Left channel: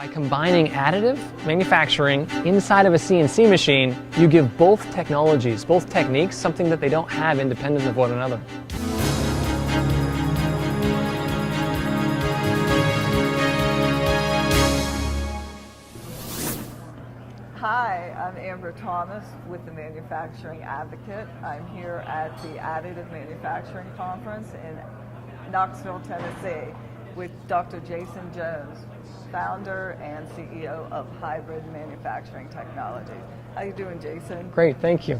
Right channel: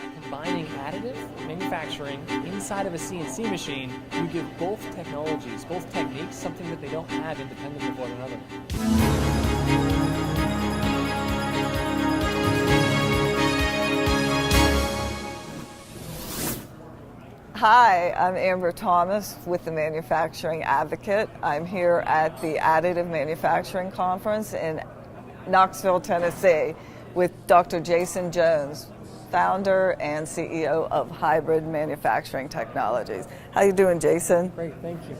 By combining additive manufacturing inside of a CNC machine, you give both technologies, both techniques, something that they don't have independent of one another. Hi, I'm Amber Thomas with the Manufacturing Advocate. I'm here at the Additive Manufacturing Conference in Knoxville, Tennessee with Dr. Jason Jones, founder and CEO of Hybrid Manufacturing Technologies. How you doing, Jason? Great, thank you.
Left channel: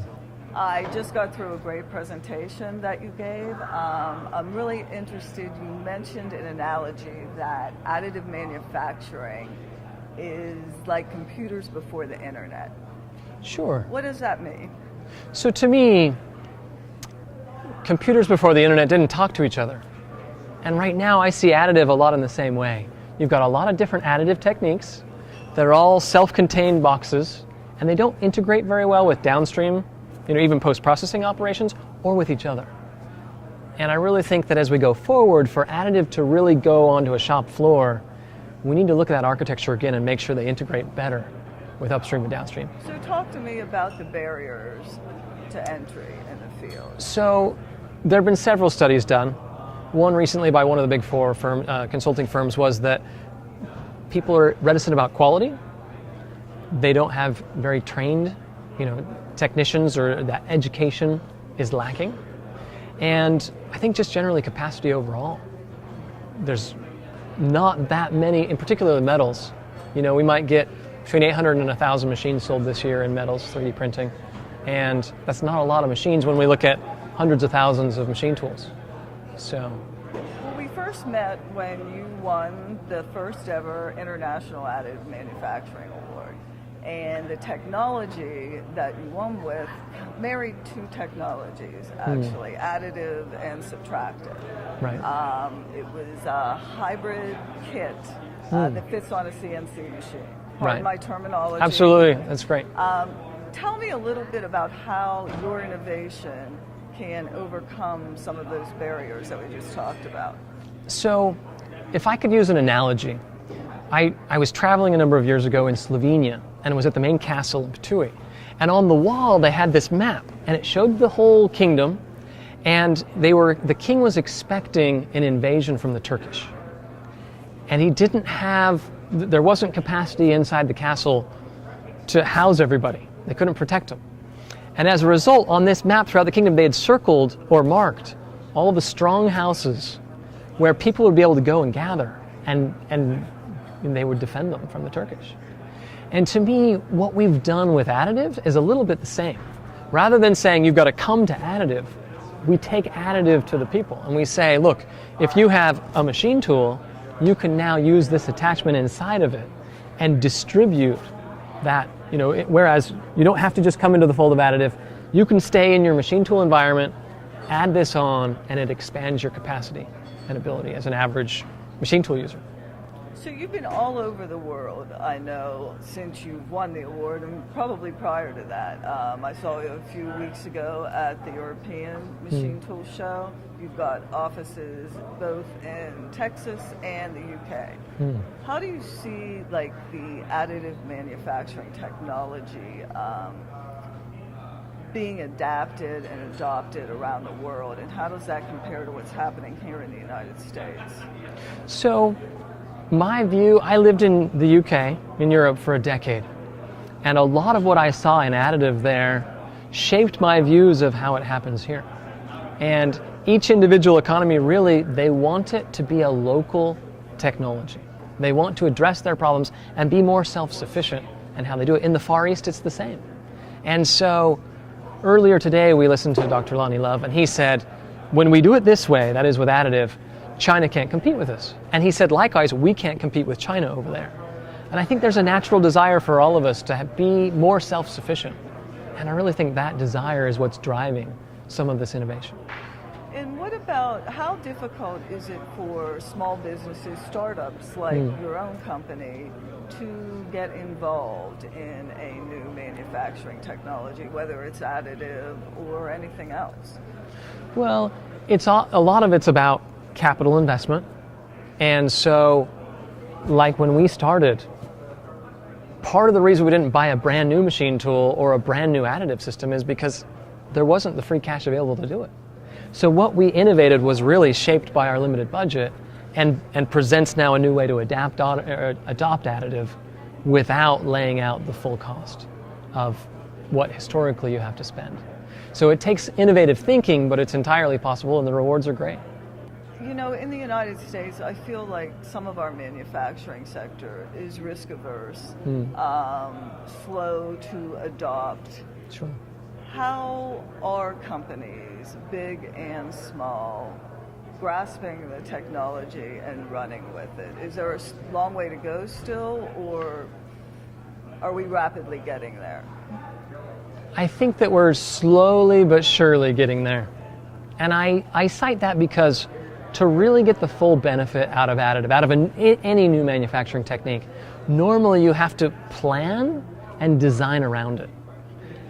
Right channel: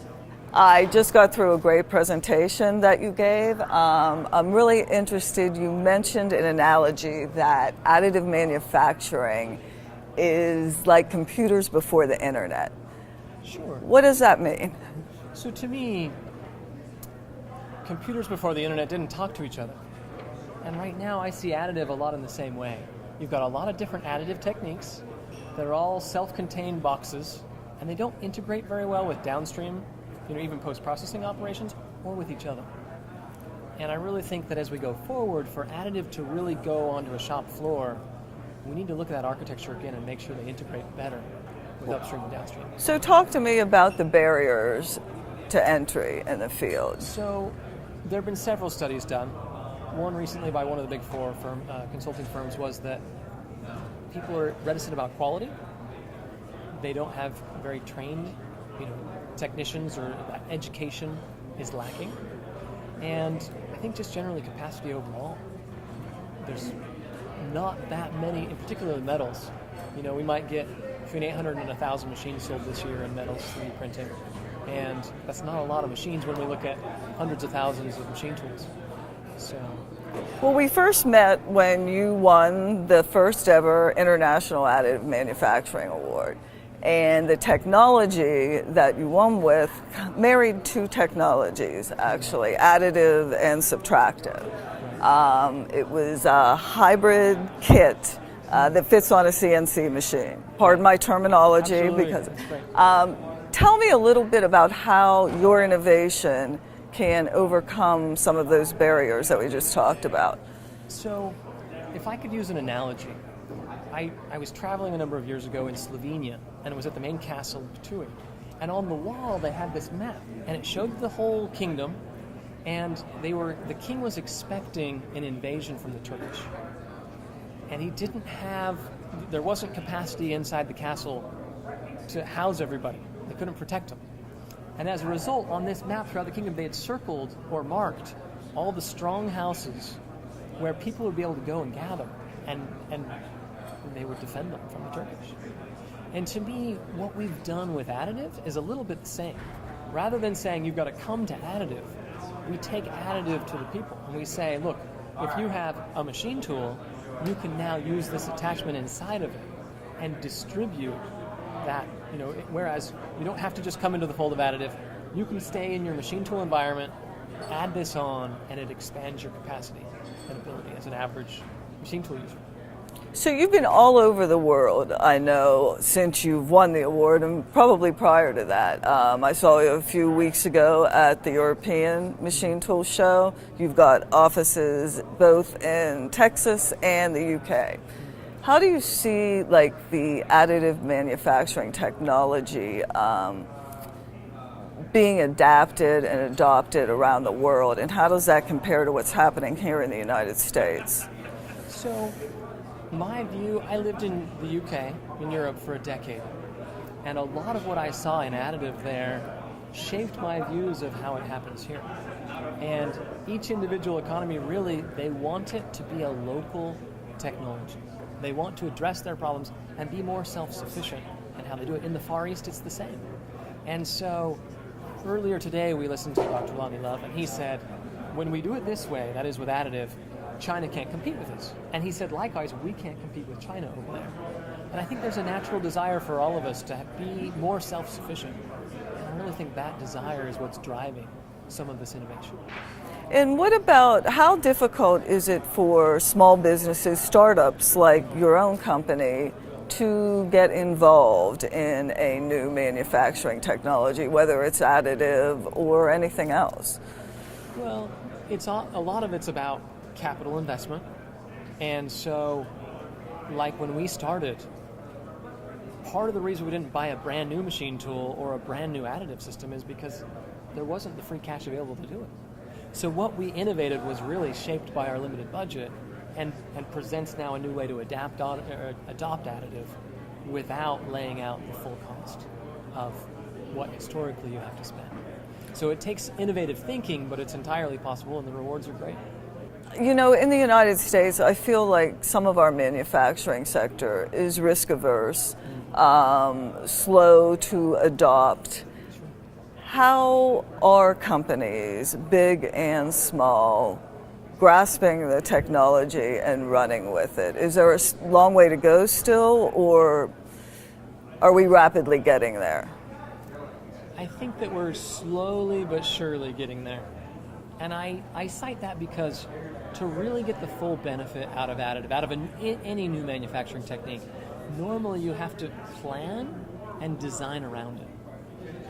I just got through a great presentation that you gave. I'm really interested, you mentioned an analogy that additive manufacturing is like computers before the internet. Sure. What does that mean? So to me, computers before the internet didn't talk to each other. And right now I see additive a lot in the same way. You've got a lot of different additive techniques that are all self-contained boxes, and they don't integrate very well with downstream, even post-processing operations, or with each other. And I really think that as we go forward, for additive to really go onto a shop floor, we need to look at that architecture again and make sure they integrate better with upstream and downstream. So talk to me about the barriers to entry in the field. So there have been several studies done. One recently by one of the big four consulting firms was that people are reticent about quality. They don't have very trained, technicians, or that education is lacking. And I think just generally capacity overall. There's not that many, in particular the metals. We might get between 800 and 1,000 machines sold this year in metals 3D printing. And that's not a lot of machines when we look at hundreds of thousands of machine tools. So. Well, we first met when you won the first ever International Additive Manufacturing Award. And the technology that you won with married two technologies, actually, additive and subtractive. Right. It was a hybrid kit that fits on a CNC machine. Pardon my terminology. Absolutely, that's great. Tell me a little bit about how your innovation can overcome some of those barriers that we just talked about. So, if I could use an analogy, I was traveling a number of years ago in Slovenia, and it was at the main castle in Ptuj. And on the wall they had this map, and it showed the whole kingdom, and the king was expecting an invasion from the Turkish. And there wasn't capacity inside the castle to house everybody. They couldn't protect them. And as a result, on this map throughout the kingdom, they had circled or marked all the strong houses where people would be able to go and gather, and they would defend them from the Turkish. And to me, what we've done with additive is a little bit the same. Rather than saying you've got to come to additive, we take additive to the people and we say, look, if you have a machine tool, you can now use this attachment inside of it and distribute that, whereas you don't have to just come into the fold of additive, you can stay in your machine tool environment, add this on, and it expands your capacity and ability as an average machine tool user. So you've been all over the world, I know, since you've won the award, and probably prior to that. I saw you a few weeks ago at the European Machine Tool Show. You've got offices both in Texas and the UK. How do you see the additive manufacturing technology being adapted and adopted around the world, and how does that compare to what's happening here in the United States? So, my view, I lived in the UK, in Europe, for a decade. And a lot of what I saw in additive there shaped my views of how it happens here. And each individual economy, really, they want it to be a local technology. They want to address their problems and be more self-sufficient in how they do it. In the Far East, it's the same. And so, earlier today, we listened to Dr. Lonnie Love, and he said, when we do it this way, that is with additive, China can't compete with us. And he said, likewise, we can't compete with China over there. And I think there's a natural desire for all of us to be more self-sufficient. And I really think that desire is what's driving some of this innovation. And what about, how difficult is it for small businesses, startups like your own company, to get involved in a new manufacturing technology, whether it's additive or anything else? Well, a lot of it's about capital investment. And so, like when we started, part of the reason we didn't buy a brand new machine tool or a brand new additive system is because there wasn't the free cash available to do it. So what we innovated was really shaped by our limited budget and presents now a new way to adopt additive without laying out the full cost of what historically you have to spend. So it takes innovative thinking, but it's entirely possible and the rewards are great. You know, in the United States, I feel like some of our manufacturing sector is risk averse, slow to adopt. Sure. How are companies, big and small, grasping the technology and running with it? Is there a long way to go still, or are we rapidly getting there? I think that we're slowly but surely getting there. And I cite that because to really get the full benefit out of additive, out of any new manufacturing technique, normally you have to plan and design around it.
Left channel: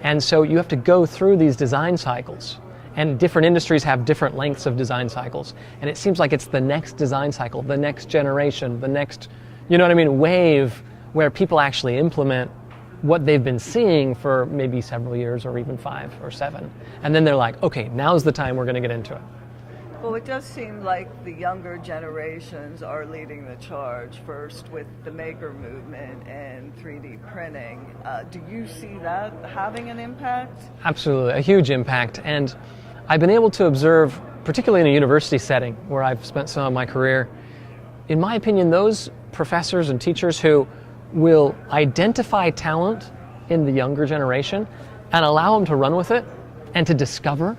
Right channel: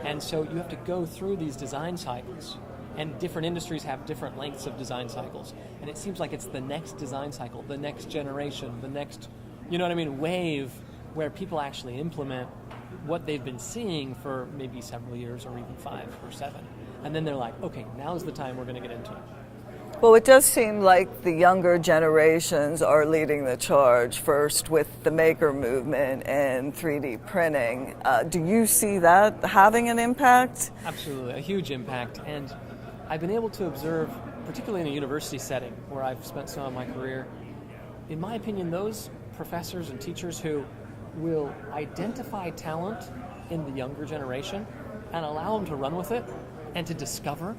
And so you have to go through these design cycles. And different industries have different lengths of design cycles. And it seems like it's the next design cycle, the next generation, the next, wave where people actually implement what they've been seeing for maybe several years or even 5 or 7. And then they're like, okay, now's the time we're going to get into it. Well, it does seem like the younger generations are leading the charge, first with the maker movement and 3D printing. Do you see that having an impact? Absolutely, a huge impact. And I've been able to observe, particularly in a university setting where I've spent some of my career, in my opinion, those professors and teachers who will identify talent in the younger generation and allow them to run with it and to discover,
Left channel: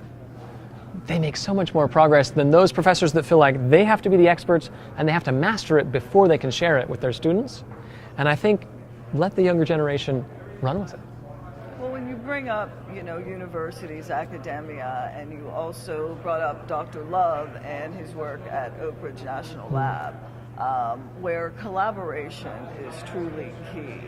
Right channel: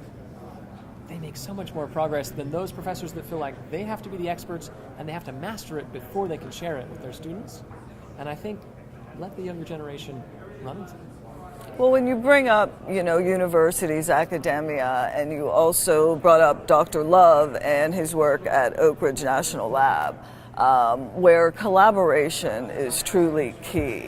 they make so much more progress than those professors that feel like they have to be the experts and they have to master it before they can share it with their students. And I think let the younger generation run with it. Well, when you bring up, universities, academia, and you also brought up Dr. Love and his work at Oak Ridge National Lab, where collaboration is truly key.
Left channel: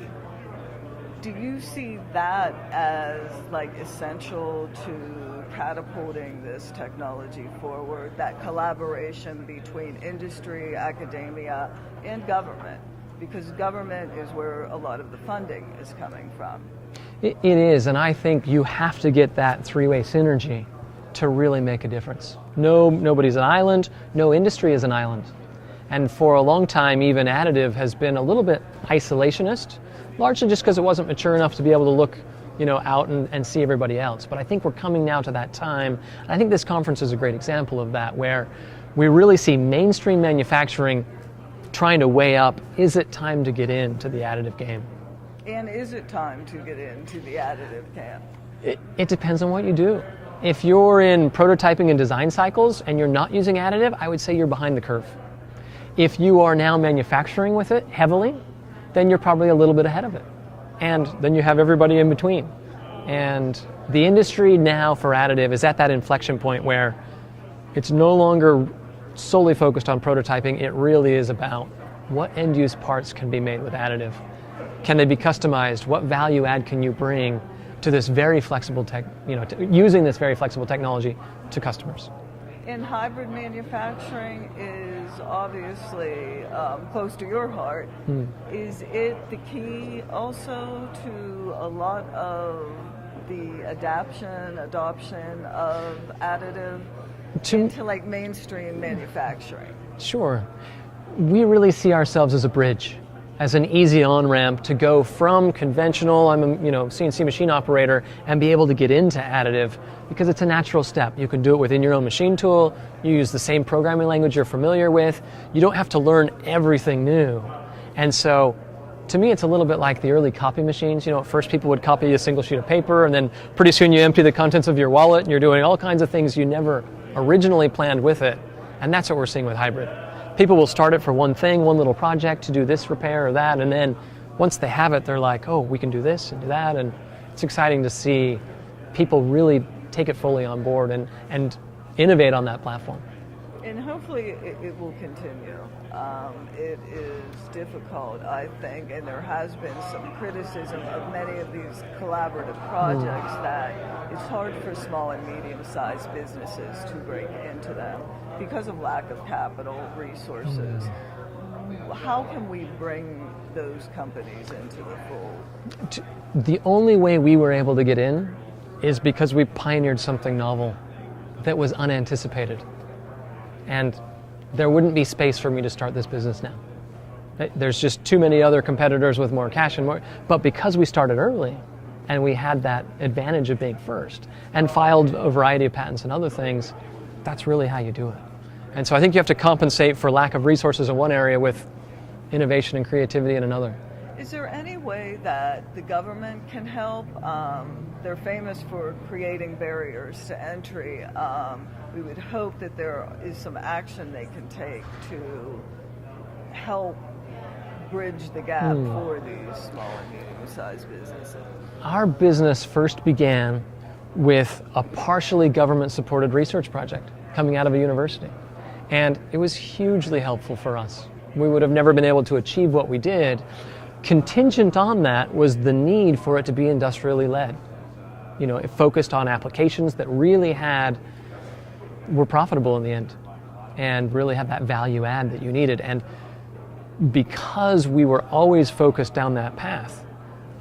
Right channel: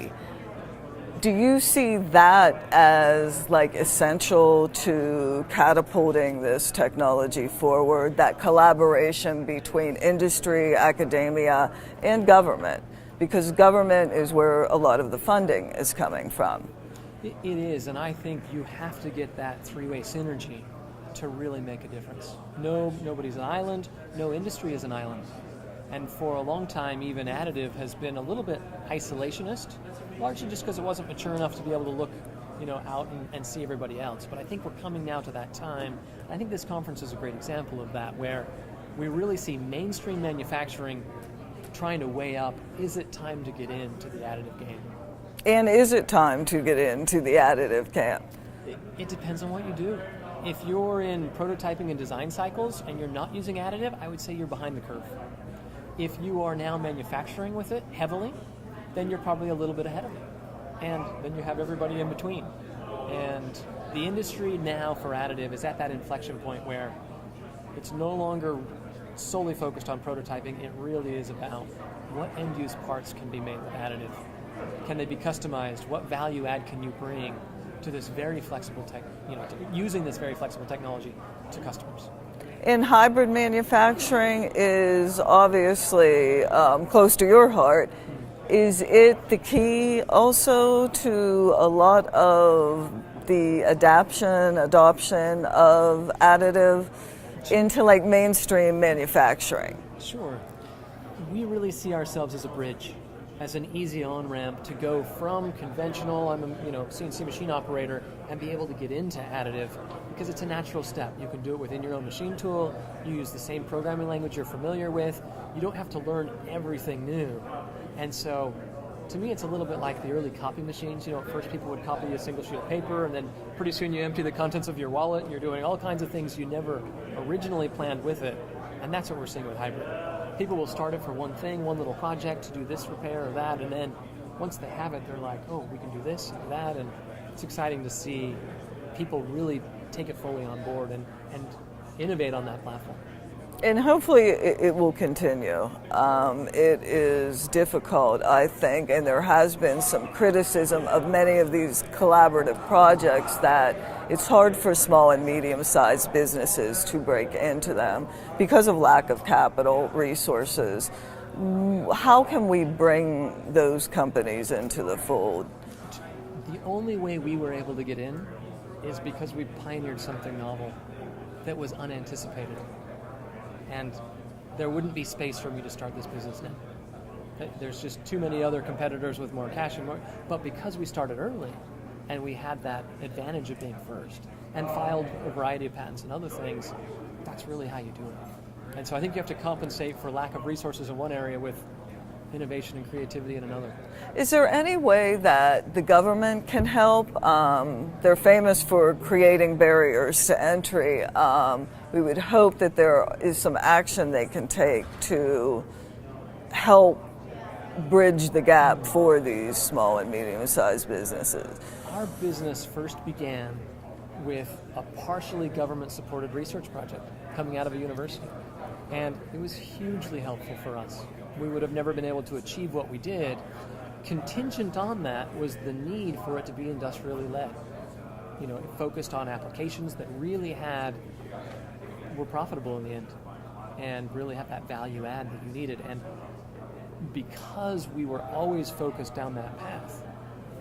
Do you see that as essential to catapulting this technology forward, that collaboration between industry, academia, and government? Because government is where a lot of the funding is coming from. It is, and I think you have to get that three-way synergy to really make a difference. Nobody's an island, no industry is an island. And for a long time, even additive has been a little bit isolationist, largely just because it wasn't mature enough to be able to look, out and see everybody else. But I think we're coming now to that time. And I think this conference is a great example of that, where we really see mainstream manufacturing trying to weigh up, is it time to get into the additive game? And is it time to get into the additive camp? It depends on what you do. If you're in prototyping and design cycles and you're not using additive, I would say you're behind the curve. If you are now manufacturing with it heavily, then you're probably a little bit ahead of it. And then you have everybody in between. And the industry now for additive is at that inflection point where it's no longer solely focused on prototyping. It really is about what end-use parts can be made with additive. Can they be customized? What value add can you bring to this very flexible using this very flexible technology to customers? And hybrid manufacturing is obviously close to your heart. Is it the key also to a lot of the adoption of additive into mainstream manufacturing? Sure. We really see ourselves as a bridge, as an easy on-ramp to go from conventional, I'm a CNC machine operator, and be able to get into additive, because it's a natural step. You can do it within your own machine tool, you use the same programming language you're familiar with, you don't have to learn everything new. And so, to me, it's a little bit like the early copy machines. At first people would copy a single sheet of paper, and then pretty soon you empty the contents of your wallet, and you're doing all kinds of things you never originally planned with it. And that's what we're seeing with hybrid. People will start it for one thing, one little project to do this repair or that, and then once they have it, they're like, oh, we can do this and do that, and it's exciting to see people really take it fully on board and innovate on that platform. And hopefully it will continue. It is difficult, I think, and there has been some criticism of many of these collaborative projects that it's hard for small and medium-sized businesses to break into them because of lack of capital resources. how can we bring those companies into the fold? The only way we were able to get in is because we pioneered something novel that was unanticipated. And there wouldn't be space for me to start this business now. There's just too many other competitors with more cash and more. But because we started early and we had that advantage of being first and filed a variety of patents and other things, that's really how you do it. And so I think you have to compensate for lack of resources in one area with innovation and creativity in another. Is there any way that the government can help? They're famous for creating barriers to entry. We would hope that there is some action they can take to help bridge the gap for these small and medium-sized businesses. Our business first began with a partially government-supported research project coming out of a university. And it was hugely helpful for us. We would have never been able to achieve what we did. Contingent on that was the need for it to be industrially led. You know, it focused on applications that really were profitable in the end and really had that value add that you needed. And because we were always focused down that path,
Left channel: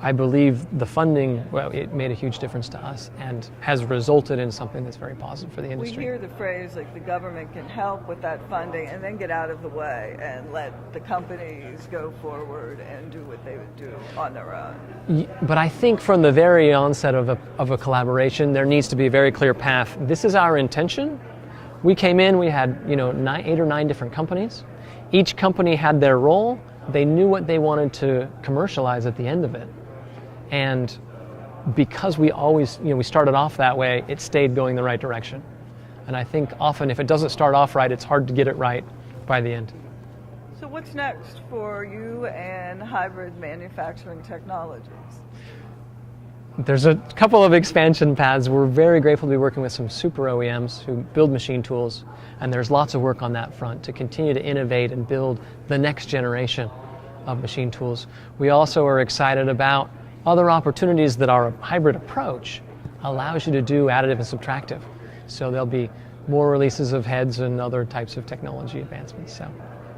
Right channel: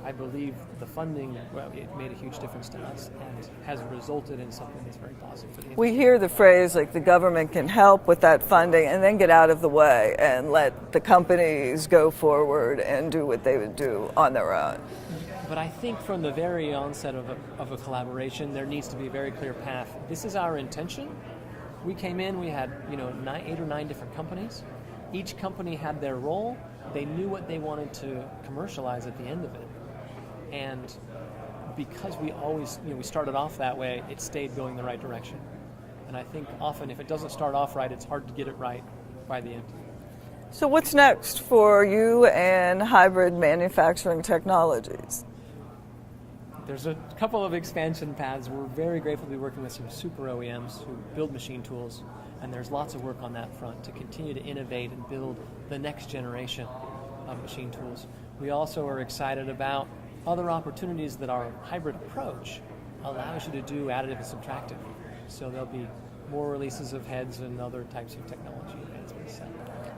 I believe the funding, well, it made a huge difference to us and has resulted in something that's very positive for the industry. We hear the phrase like the government can help with that funding and then get out of the way and let the companies go forward and do what they would do on their own. But I think from the very onset of a collaboration, there needs to be a very clear path. This is our intention. We came in, we had 8 or 9 different companies. Each company had their role. They knew what they wanted to commercialize at the end of it. And because we always, we started off that way, it stayed going the right direction. And I think often if it doesn't start off right, it's hard to get it right by the end. So what's next for you and Hybrid Manufacturing Technologies? There's a couple of expansion paths. We're very grateful to be working with some super OEMs who build machine tools. And there's lots of work on that front to continue to innovate and build the next generation of machine tools. We also are excited about other opportunities that our hybrid approach allows you to do additive and subtractive. So there'll be more releases of heads and other types of technology advancements. So,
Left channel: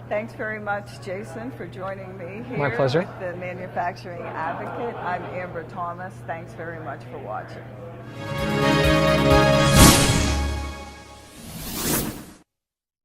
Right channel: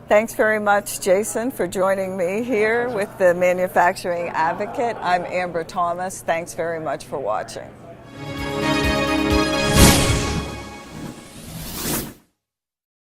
thanks very much, Jason, for joining me here with the Manufacturing Advocate. I'm Amber Thomas. Thanks very much for watching.